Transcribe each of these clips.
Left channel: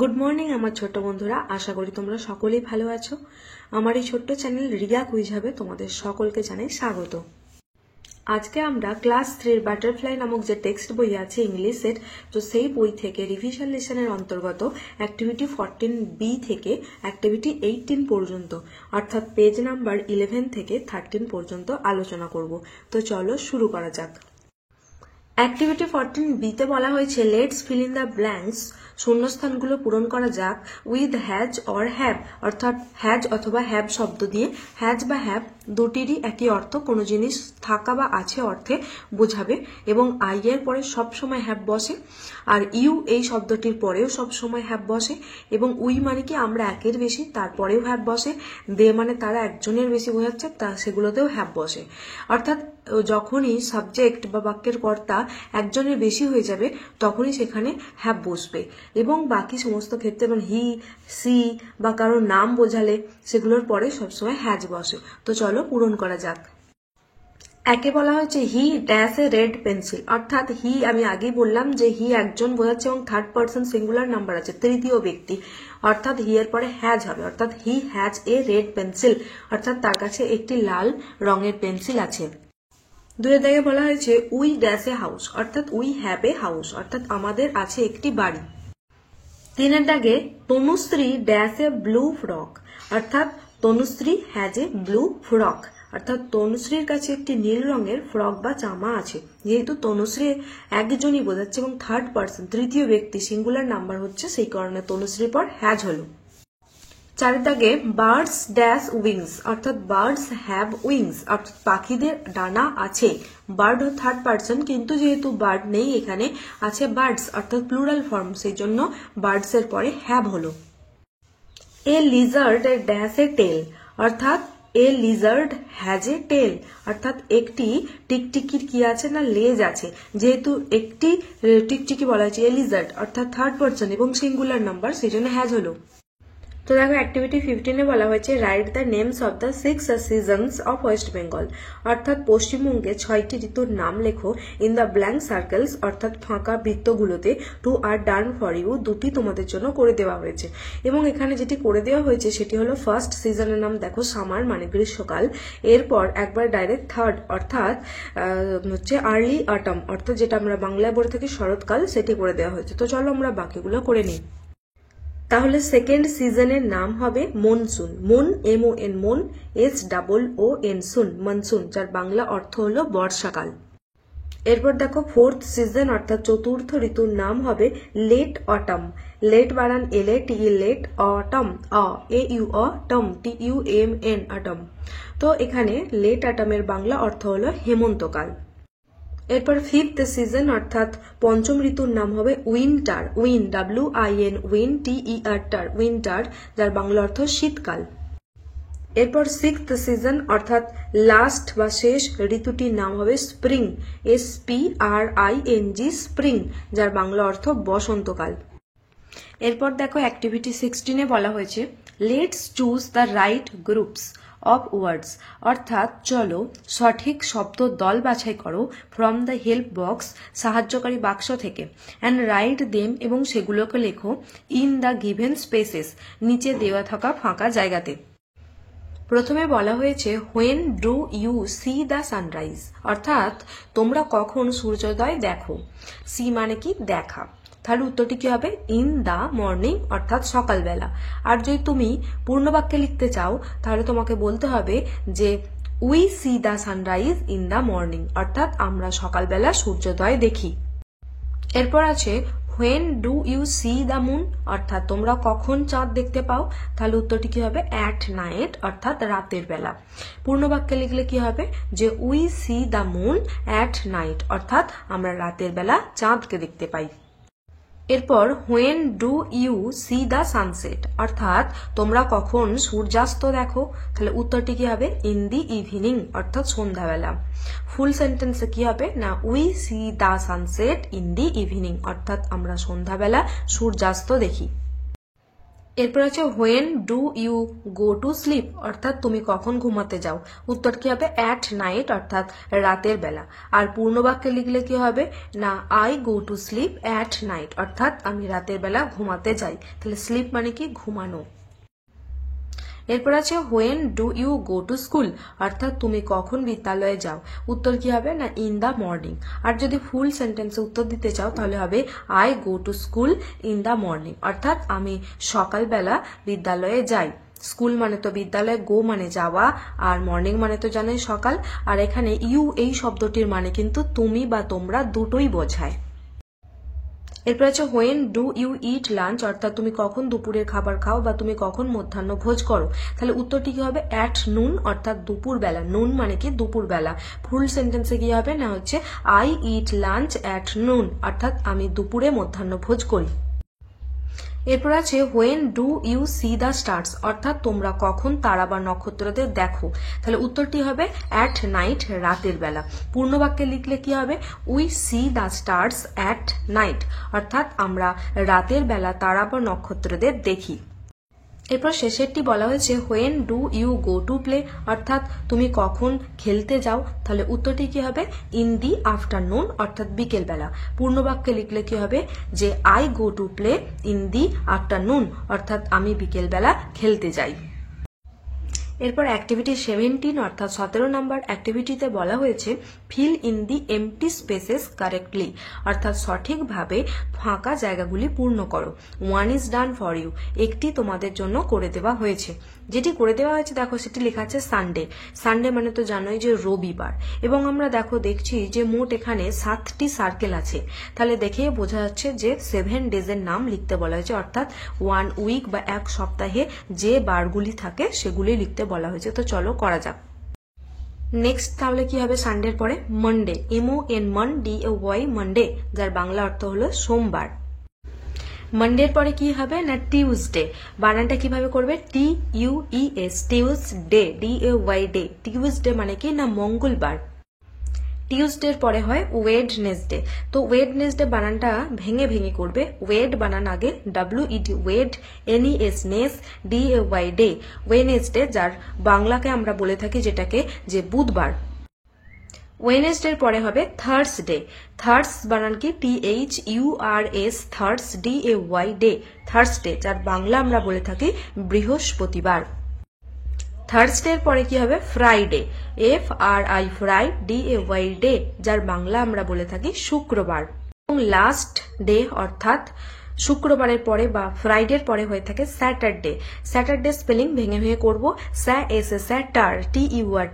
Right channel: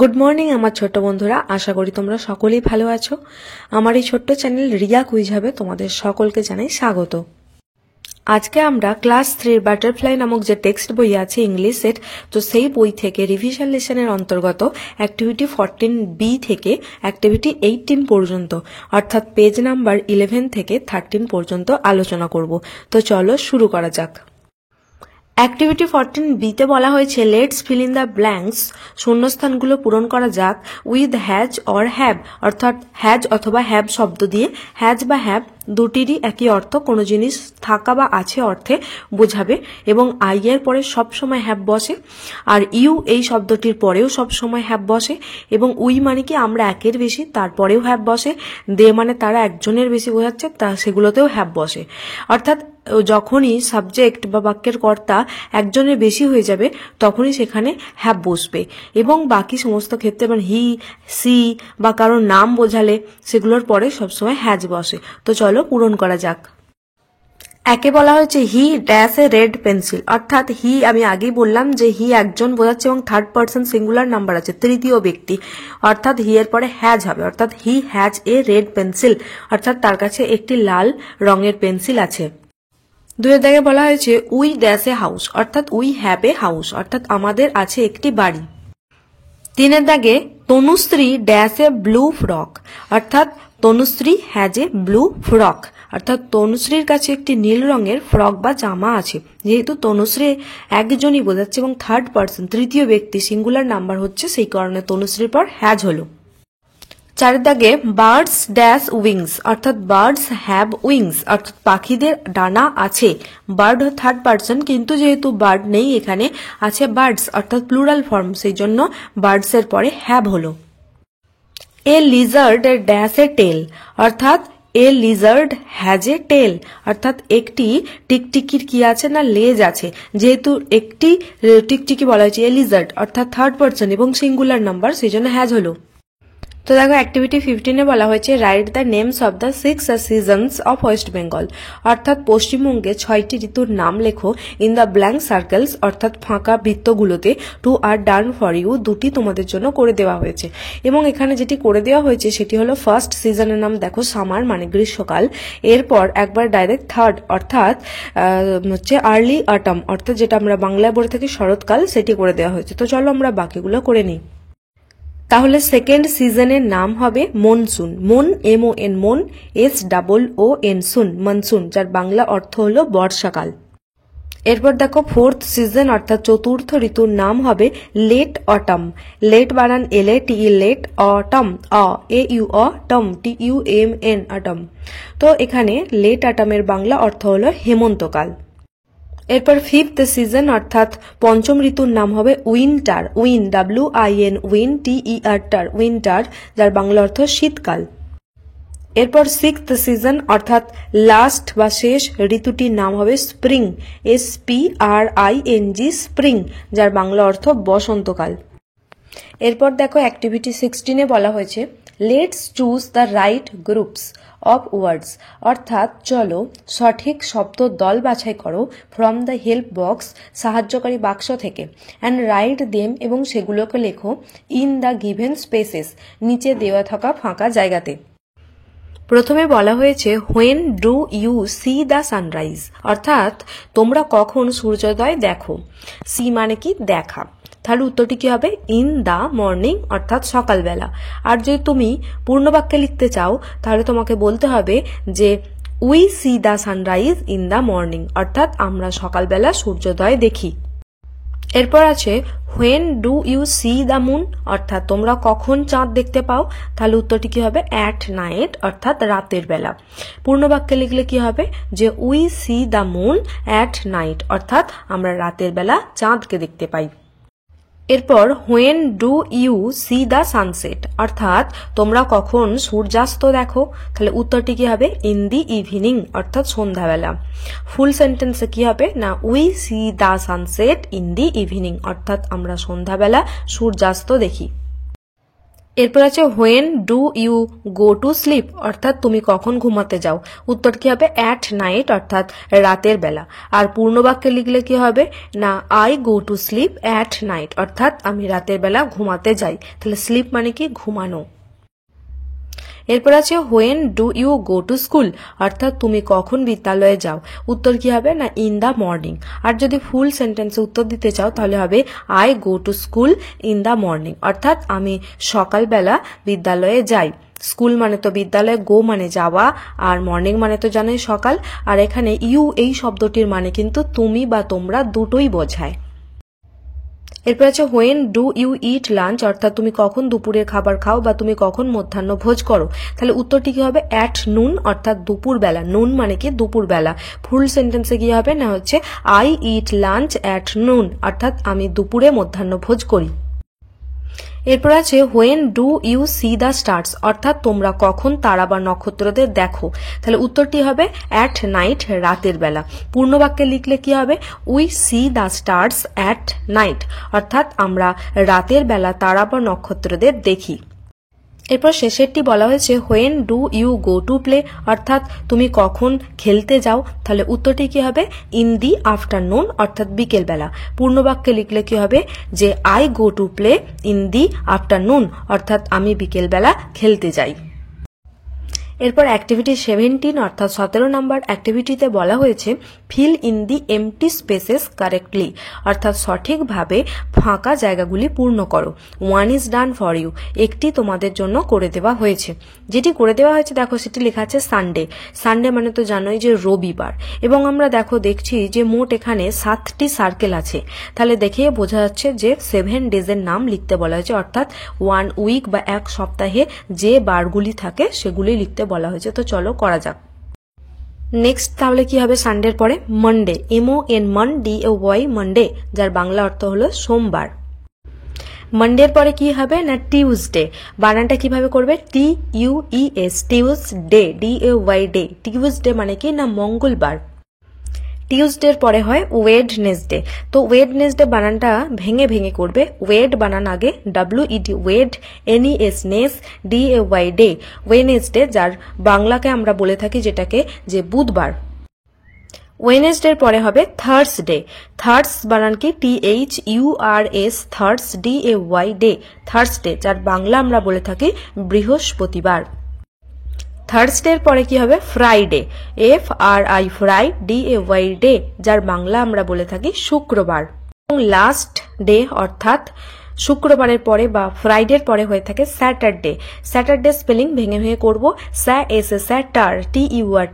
Good morning আমার ছোট্ট বন্ধুরা, আশা করি তোমরা সকলেই ভালো আছো। আমার এই ছোট্ট চ্যানেল রিয়া কুইজ হবে তোমাদের সকলকে জানাই স্বাগত। আজকে আমরা ক্লাস 3 বাটারফ্লাই নামক যে টেক্সট বই আছে ইংলিশের, তো সেই বই থেকে রিভিশন লেসনের অন্তর্গত অ্যাক্টিভিটি 14B থেকে অ্যাক্টিভিটি 18 পর্যন্ত, অর্থাৎ পেজ নাম্বার 11 থেকে 13 পর্যন্ত আলোচনা করব। তো চলো শুরু করা যাক। অ্যাক্টিভিটি 14B-তে বলা হয়েছে let's fill in the blanks, শূন্যস্থানগুলো পূরণ করা যাক উইথ হ্যাজ অর হ্যাভ, অর্থাৎ হ্যাজ অথবা হ্যাভ শব্দ দিয়ে। হ্যাজ বা হ্যাভ দুটিরই একই অর্থ, কোনো জিনিস থাকা বা আছে অর্থে বোঝাবে এবং আই এর পরে সবসময় হ্যাভ বসে, আর ইউ এই শব্দটির পরেও সবসময় হ্যাভ বসে, এবং উই মানে কি আমরা একের বেশি, তারপরেও হ্যাভ বসে। দে মানে তারা একজনের বেশি বোঝাচ্ছে, তা সেগুলোতেও হ্যাভ বসে। অর্থাৎ যখনই সাবজেক্ট বা বাক্যের কর্তা একজনের বেশি হয়ে যাবে তখনই সেখানে হ্যাভ বসবে, এবং বাকি সমস্ত ক্ষেত্রে মানে হি, সি বা কারোর নাম বোঝালে সেগুলোর পরে সবসময় হ্যাজ বসে। তো চলো পূরণ করা যাক। একে বলা হয়েছে he dash a red pencil, অর্থাৎ হি আমি আগেই বললাম যে হি একজন বোঝাচ্ছে এবং থার্ড পার্সন সিঙ্গুলার নাম্বার আছে, তৃতীয় ব্যক্তি, অর্থাৎ হি এর পরে হ্যাজ হবে, অর্থাৎ he has a red pencil, অর্থাৎ তার কাছে একটি লাল রঙের পেন্সিল আছে। দুয়ের দাগে বলা হয়েছে উই ড্যাশ এ হাউস, অর্থাৎ উই হ্যাভ এ হাউস, অর্থাৎ আমাদের আছে একটি বাড়ি। তিনের দাগে Tanushree dash a blue frock, অর্থাৎ Tanushree has a blue frock, অর্থাৎ তনুশ্রীর কাছে একটি নীল রঙের ফ্রক বা জামা আছে। যেহেতু তনুশ্রী একজনই বোঝাচ্ছে এবং থার্ড পার্সন তৃতীয় ব্যক্তি সিঙ্গুলার নাম্বার হচ্ছে, সেই কারণে তনুশ্রীর পর হ্যাজ হলো। চারের দাগে বার্ডস ড্যাশ উইংস, অর্থাৎ বার্ডস হ্যাভ উইংস, অর্থাৎ পাখিদের ডানা আছে। বার্ড থার্ড পার্সন, কিন্তু যেহেতু বার্ড নেই এখানে, আছে বার্ডস, অর্থাৎ প্লুরাল ফর্ম, সেই জন্য বার্ডস এর পরে হ্যাভ হলো। এ লিজার্ড ড্যাশ এ টেল, অর্থাৎ এ লিজার্ড হ্যাজ এ টেল, অর্থাৎ একটি টিকটিকির কি আছে না লেজ আছে। যেহেতু একটি টিকটিকি বলা হয়েছে এ লিজার্ড, অর্থাৎ থার্ড পার্সন এবং সিঙ্গুলার নাম্বার, সেই জন্য হ্যাজ হলো। তো দেখো অ্যাক্টিভিটি 15-এ বলা হয়েছে write the names of the 6 seasons of West Bengal, অর্থাৎ পশ্চিমবঙ্গে 6টি ঋতুর নাম লেখো ইন দ্য ব্ল্যাঙ্ক সার্কেলস, অর্থাৎ ফাঁকা বৃত্তগুলোতে। Two are done for you, দুটি তোমাদের জন্য করে দেওয়া হয়েছে, এবং এখানে যেটি করে দেওয়া হয়েছে সেটি হলো ফার্স্ট সিজনের নাম দেখো সামার মানে গ্রীষ্মকাল, এরপর একবার ডাইরেক্ট থার্ড অর্থাৎ হচ্ছে আর্লি অটম, অর্থাৎ যেটা আমরা বাংলায় বলে থাকি শরৎকাল, সেটি করে দেওয়া হয়েছে। তো চলো আমরা বাকিগুলো করে নিই। তাহলে সেকেন্ড সিজনের নাম হবে মনসুন, মন MON মন, SOON সুন, মনসুন, যার বাংলা অর্থ হলো বর্ষাকাল। এরপর দেখো ফোর্থ সিজন অর্থাৎ চতুর্থ ঋতুর নাম হবে লেট অটম, লেট বানান LATE, late autumn AUTM TUMN autumn. তো এখানে লেট অটমের বাংলা অর্থ হলো হেমন্তকাল। এরপর ফিফথ সিজন অর্থাৎ পঞ্চম ঋতুর নাম হবে উইন্টার, WIN উইন্টার, যার বাংলা অর্থ শীতকাল। এরপর সিক্সথ সিজন অর্থাৎ লাস্ট বা শেষ ঋতুটির নাম হবে স্প্রিং, SPRING স্প্রিং, যার বাংলা অর্থ বসন্তকাল। এরপর দেখো অ্যাক্টিভিটি 16-এ বলা হয়েছে let's choose the right groups of words, অর্থাৎ চলো সঠিক শব্দ দল বাছাই করো ফ্রম দ্য হেল্প বক্স, সাহায্যকারী বাক্স থেকে, অ্যান্ড রাইট দেম, এবং সেগুলোকে লেখো ইন দ্য গিভেন স্পেসেস, নিচে দেওয়া থাকা ফাঁকা জায়গাতে। প্রথমে বলা হয়েছে when do you see the sunrise, অর্থাৎ তোমরা কখন সূর্যোদয় দেখো। সি মানে কি দেখা, তাহলে উত্তরটি কি হবে ইন দ্য মর্নিং, অর্থাৎ সকালবেলা। আর যদি তুমি পূর্ণ বাক্যে লিখতে চাও তাহলে তোমাকে বলতে হবে যে we see the sunrise in the morning, অর্থাৎ আমরা সকালবেলা সূর্যোদয় দেখি। এরপর আছে when do you see the moon, অর্থাৎ তোমরা কখন চাঁদ দেখতে পাও, তাহলে উত্তরটি কি হবে অ্যাট নাইট, অর্থাৎ রাতের বেলা। পূর্ণ বাক্যে লিখলে কি হবে যে we see the moon at night, অর্থাৎ আমরা রাতের বেলা চাঁদকে দেখতে পাই। এরপর when do you see the sunset, অর্থাৎ তোমরা কখন সূর্যাস্ত দেখো, তাহলে উত্তরটি কি হবে ইন দি ইভিনিং, অর্থাৎ সন্ধ্যাবেলা। ফুল সেন্টেন্সে কি হবে না we see the sunset in the evening, অর্থাৎ আমরা সন্ধ্যাবেলা সূর্যাস্ত দেখি। এরপর আছে when do you go to sleep, অর্থাৎ তুমি কখন ঘুমাতে যাও। উত্তর কি হবে? অ্যাট নাইট, অর্থাৎ রাতের বেলা। আর পূর্ণ বাক্যে লিখলে কি হবে না, I go to slip at night, অর্থাৎ আমি রাতের বেলা ঘুমাতে যাই। তাহলে স্লিপ মানে কি? ঘুমানো। এরপর আছে when do you go to school, অর্থাৎ তুমি কখন বিদ্যালয়ে যাও। উত্তর কি হবে না, ইন দ্য মর্নিং। আর যদি ফুল সেন্টেন্সে উত্তর দিতে চাও তাহলে হবে I go to school in the morning, অর্থাৎ আমি সকালবেলা বিদ্যালয়ে যাই। স্কুল মানে তো বিদ্যালয়, গো মানে যাওয়া, আর মর্নিং মানে তো জানোই সকাল। আর এখানে ইউ এই শব্দটির মানে কিন্তু তুমি বা তোমরা দুটোই বোঝায়। এরপর আছে when do you eat lunch, অর্থাৎ তুমি কখন দুপুরের খাবার খাও বা তুমি কখন মধ্যাহ্ন ভোজ করো। তাহলে উত্তরটি কি হবে? অ্যাট নুন, অর্থাৎ দুপুর বেলা। নুন মানে কি? দুপুর বেলা। ফুল সেন্টেন্সে কি হবে না, হচ্ছে I eat lunch at noon, অর্থাৎ আমি দুপুরে মধ্যাহ্ন ভোজ করি। এরপর আছে when do you see the stars, অর্থাৎ তোমরা কখন তারা বা নক্ষত্রদের দেখো। তাহলে উত্তরটি হবে অ্যাট নাইট, রাতের বেলা। পূর্ণ বাক্যে লিখলে কি হবে? We see the stars at night, অর্থাৎ আমরা রাতের বেলা তারা বা নক্ষত্রদের দেখি। এরপর শেষেরটি বলা হয়েছে when do you go to play, অর্থাৎ তুমি কখন খেলতে যাও। তাহলে উত্তরটি কি হবে? ইন দি আফটারনুন, অর্থাৎ বিকেল বেলা। পূর্ণ বাক্যে লিখলে কি হবে যে I go to play in the afternoon, অর্থাৎ আমি বিকেল বেলা খেলতে যাই। এরপর অ্যাক্টিভিটি 17 অর্থাৎ 17 নম্বর অ্যাক্টিভিটিতে বলা হয়েছে fill in the empty spaces correctly, অর্থাৎ সঠিকভাবে ফাঁকা জায়গাগুলি পূর্ণ করো। One is done for you, একটি তোমাদের জন্য করে দেওয়া হয়েছে। যেটি করে দেওয়া হয়েছে দেখো সেটি লেখা আছে সানডে। সানডে মানে তো জানোই যে রবিবার, এবং আমরা দেখছি যে মোট এখানে 7টি সার্কেল আছে। তাহলে দেখে বোঝা যাচ্ছে যে 7 ডেজের নাম লিখতে বলা হয়েছে, অর্থাৎ 1 উইক বা এক সপ্তাহে যে বারগুলি থাকে সেগুলি লিখতে বলা হয়েছে। তো চলো করা যাক। নেক্সট তাহলে কি হবে সানডের পরে? মানডে, MON মন DAY মানডে, যার বাংলা অর্থ হলো সোমবার। মানডের পরে কি হবে না টিউসডে, বানানটা কিভাবে করবে? TUES, Tuesday, DAY day. Tuesday মানে কি না মঙ্গলবার। টিউসডের পরে হয় ওয়েডনেসডে। তো ওয়েডনেসডে বানানটা ভেঙে ভেঙে করবে। ওয়েড বানান আগে, WED ওয়েড, NES নেস, DAY day. Wednesday, যার বাংলাকে আমরা বলে থাকি যেটাকে যে বুধবার। ওয়েডনেসডের পরে হবে থার্সডে। থার্স বানান কি? THURS, থার্স, DAY day. থার্সডে, যার বাংলা আমরা বলে থাকি বৃহস্পতিবার। থার্সডের পরে কি হবে? Friday, FRI fry, DAY day, যার বাংলা আমরা বলে থাকি শুক্রবার। এবং লাস্ট ডে অর্থাৎ শুক্রবারের পরে বা ফ্রাইডের পরে হয়ে থাকে স্যাটারডে। স্যাটারডে স্পেলিং ভেঙে ভেঙে করবো। স্যাটার, TUR,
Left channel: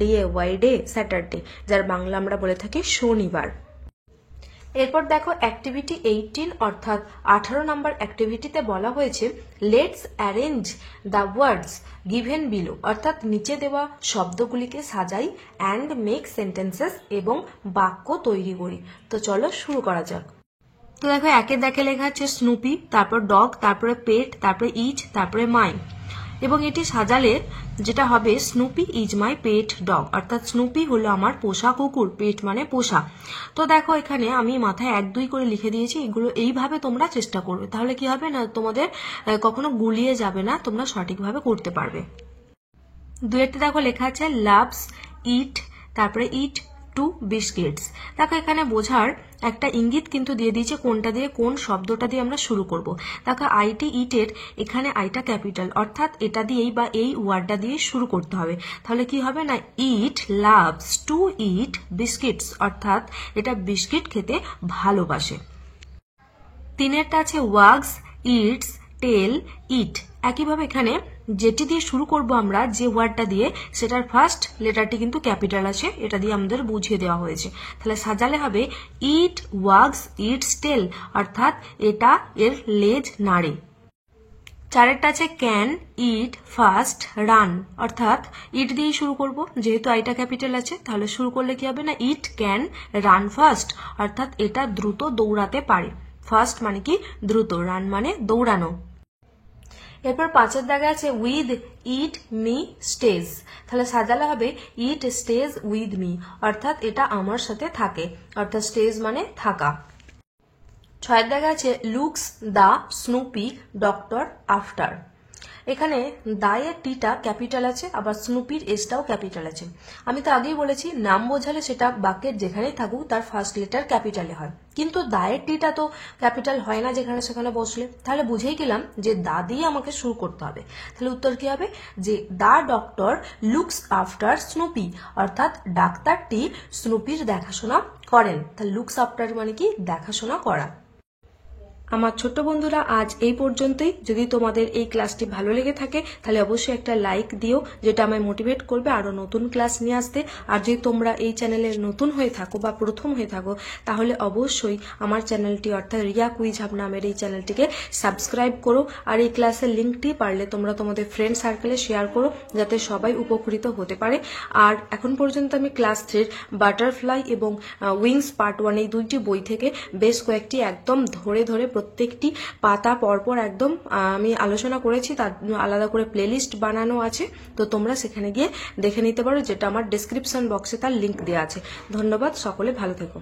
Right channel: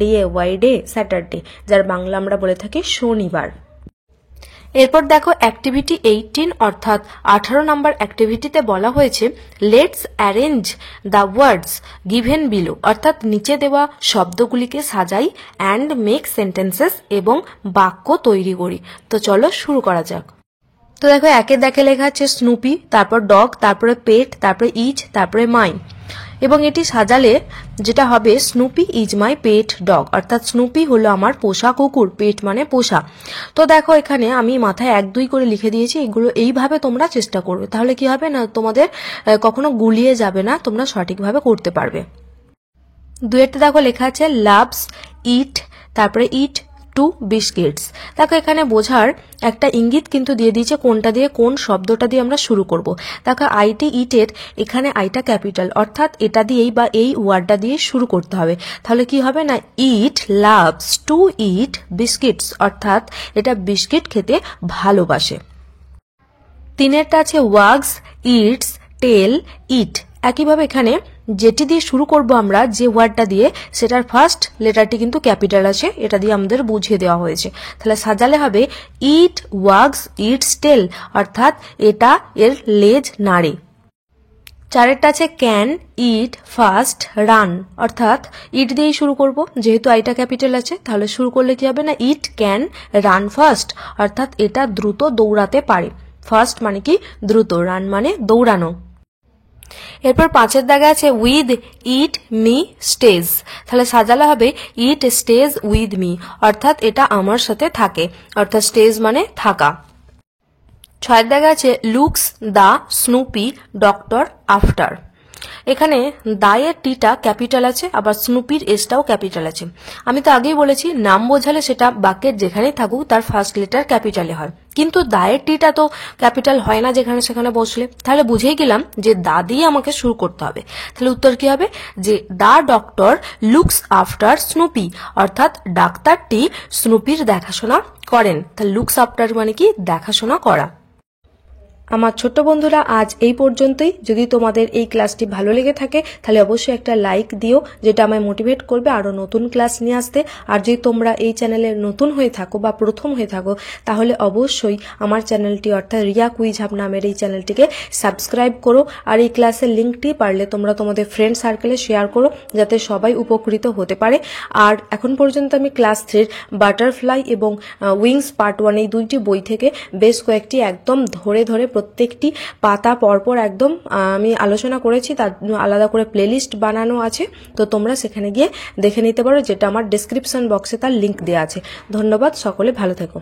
DAY ডে, স্যাটারডে, যার বাংলা আমরা বলে থাকি শনিবার। এরপর দেখো অ্যাক্টিভিটি 18 অর্থাৎ 18 নম্বর অ্যাক্টিভিটিতে বলা হয়েছে let's arrange the words given below, অর্থাৎ নিচে দেওয়া শব্দগুলিকে সাজাই অ্যান্ড মেক সেন্টেন্সেস, এবং বাক্য তৈরি করি। তো চলো শুরু করা যাক। তো দেখো একে দেখে লেখা আছে স্নুপি, তারপর ডগ, তারপরে পেট, তারপরে ইচ, তারপরে মাই। এবং এটি সাজালে যেটা হবে Snoopy is my pet dog, অর্থাৎ স্নুপি হলো আমার পোষা কুকুর, পেট মানে পোষা। তো দেখো এখানে আমি মাথায় 1 2 করে লিখে দিয়েছি, এগুলো এইভাবে তোমরা চেষ্টা করবে, তাহলে কি হবে না তোমাদের কখনো গুলিয়ে যাবে না, তোমরা সঠিকভাবে করতে পারবে। দুয়েরটা দেখো লেখা আছে লাভস ইট, তারপরে ইট টু বিস্কিটস। দেখো এখানে বোঝার একটা ইঙ্গিত কিন্তু দিয়ে দিয়েছে কোনটা দিয়ে, কোন শব্দটা দিয়ে আমরা শুরু করব। দেখো আইটি ইটের এখানে আইটা ক্যাপিটাল, অর্থাৎ এটা দিয়েই বা এই ওয়ার্ডটা দিয়ে শুরু করতে হবে। তাহলে কি হবে না ইট লাভস টু ইট বিস্কিটস, অর্থাৎ এটা বিস্কিট খেতে ভালোবাসে। তিনেরটা আছে ওয়াগস ইটস টেল ইট। একইভাবে এখানে যেটি দিয়ে শুরু করব আমরা, যে ওয়ার্ডটা দিয়ে, সেটার ফার্স্ট লেটারটি কিন্তু ক্যাপিটাল আছে, এটা দিয়ে আমাদের বুঝিয়ে দেওয়া হয়েছে। তাহলে সাজালে হবে ইট ওয়াগস ইটস টেল, অর্থাৎ এটা এর লেজ নাড়ে। চারেরটা আছে ক্যান ইট ফাস্ট রান, অর্থাৎ ইট দিয়েই শুরু করব, যেহেতু আইটা ক্যাপিটাল আছে, তাহলে শুরু করলে কি হবে না ইট ক্যান রান ফাস্ট, অর্থাৎ এটা দ্রুত দৌড়াতে পারে। ফাস্ট মানে কি দ্রুত, রান মানে দৌড়ানো। এরপর 5এর দাগে আছে উইথ ইট মি স্টেজ, তাহলে সাজালে হবে ইট স্টেজ উইথ মি, অর্থাৎ এটা আমার সাথে থাকে, অর্থাৎ স্টেজ মানে থাকা। ছয়ের দাগে আছে looks the Snoopy doctor after. এখানে দায়ের টিটা ক্যাপিটাল আছে, আবার স্নুপির এসটাও ক্যাপিটাল আছে। আমি তো আগেই বলেছি নাম বোঝালে সেটা বাক্যের যেখানেই থাকুক তার ফার্স্ট লেটার ক্যাপিটালে হয়, কিন্তু দায়ের টিটা তো ক্যাপিটাল হয় না যেখানে সেখানে বসলে। তাহলে বুঝেই গেলাম যে দা দিয়ে আমাকে শুরু করতে হবে। তাহলে উত্তর কি হবে যে দা ডক্টর লুকস আফটার স্নুপি, অর্থাৎ ডাক্তারটি স্নুপির দেখাশোনা করেন। তাহলে লুকস আফটার মানে কি দেখাশোনা করা। আমার ছোট্ট বন্ধুরা আজ এই পর্যন্তই। যদি তোমাদের এই ক্লাসটি ভালো লেগে থাকে তাহলে অবশ্যই একটা লাইক দিও, যেটা আমায় মোটিভেট করবে আরো নতুন ক্লাস নিয়ে আসতে। আর যদি তোমরা এই চ্যানেলের নতুন হয়ে থাকো বা প্রথম হয়ে থাকো তাহলে অবশ্যই আমার চ্যানেলটি অর্থাৎ রিয়া কুইজ হাব নামের এই চ্যানেলটিকে সাবস্ক্রাইব করো। আর এই ক্লাসের লিঙ্কটি পারলে তোমরা তোমাদের ফ্রেন্ড সার্কেলে শেয়ার করো যাতে সবাই উপকৃত হতে পারে। আর এখন পর্যন্ত আমি ক্লাস 3 বাটারফ্লাই এবং উইংস পার্ট 1 এই দুইটি বই থেকে বেশ কয়েকটি একদম ধরে ধরে প্রত্যেকটি পাতা পরপর একদম আমি আলোচনা করেছি, তার আলাদা করে প্লেলিস্ট বানানো আছে, তো তোমরা সেখানে গিয়ে দেখে নিতে পারো, যেটা আমার ডেসক্রিপশন বক্সে তার লিংক দেওয়া আছে। ধন্যবাদ, সকলে ভালো থেকো।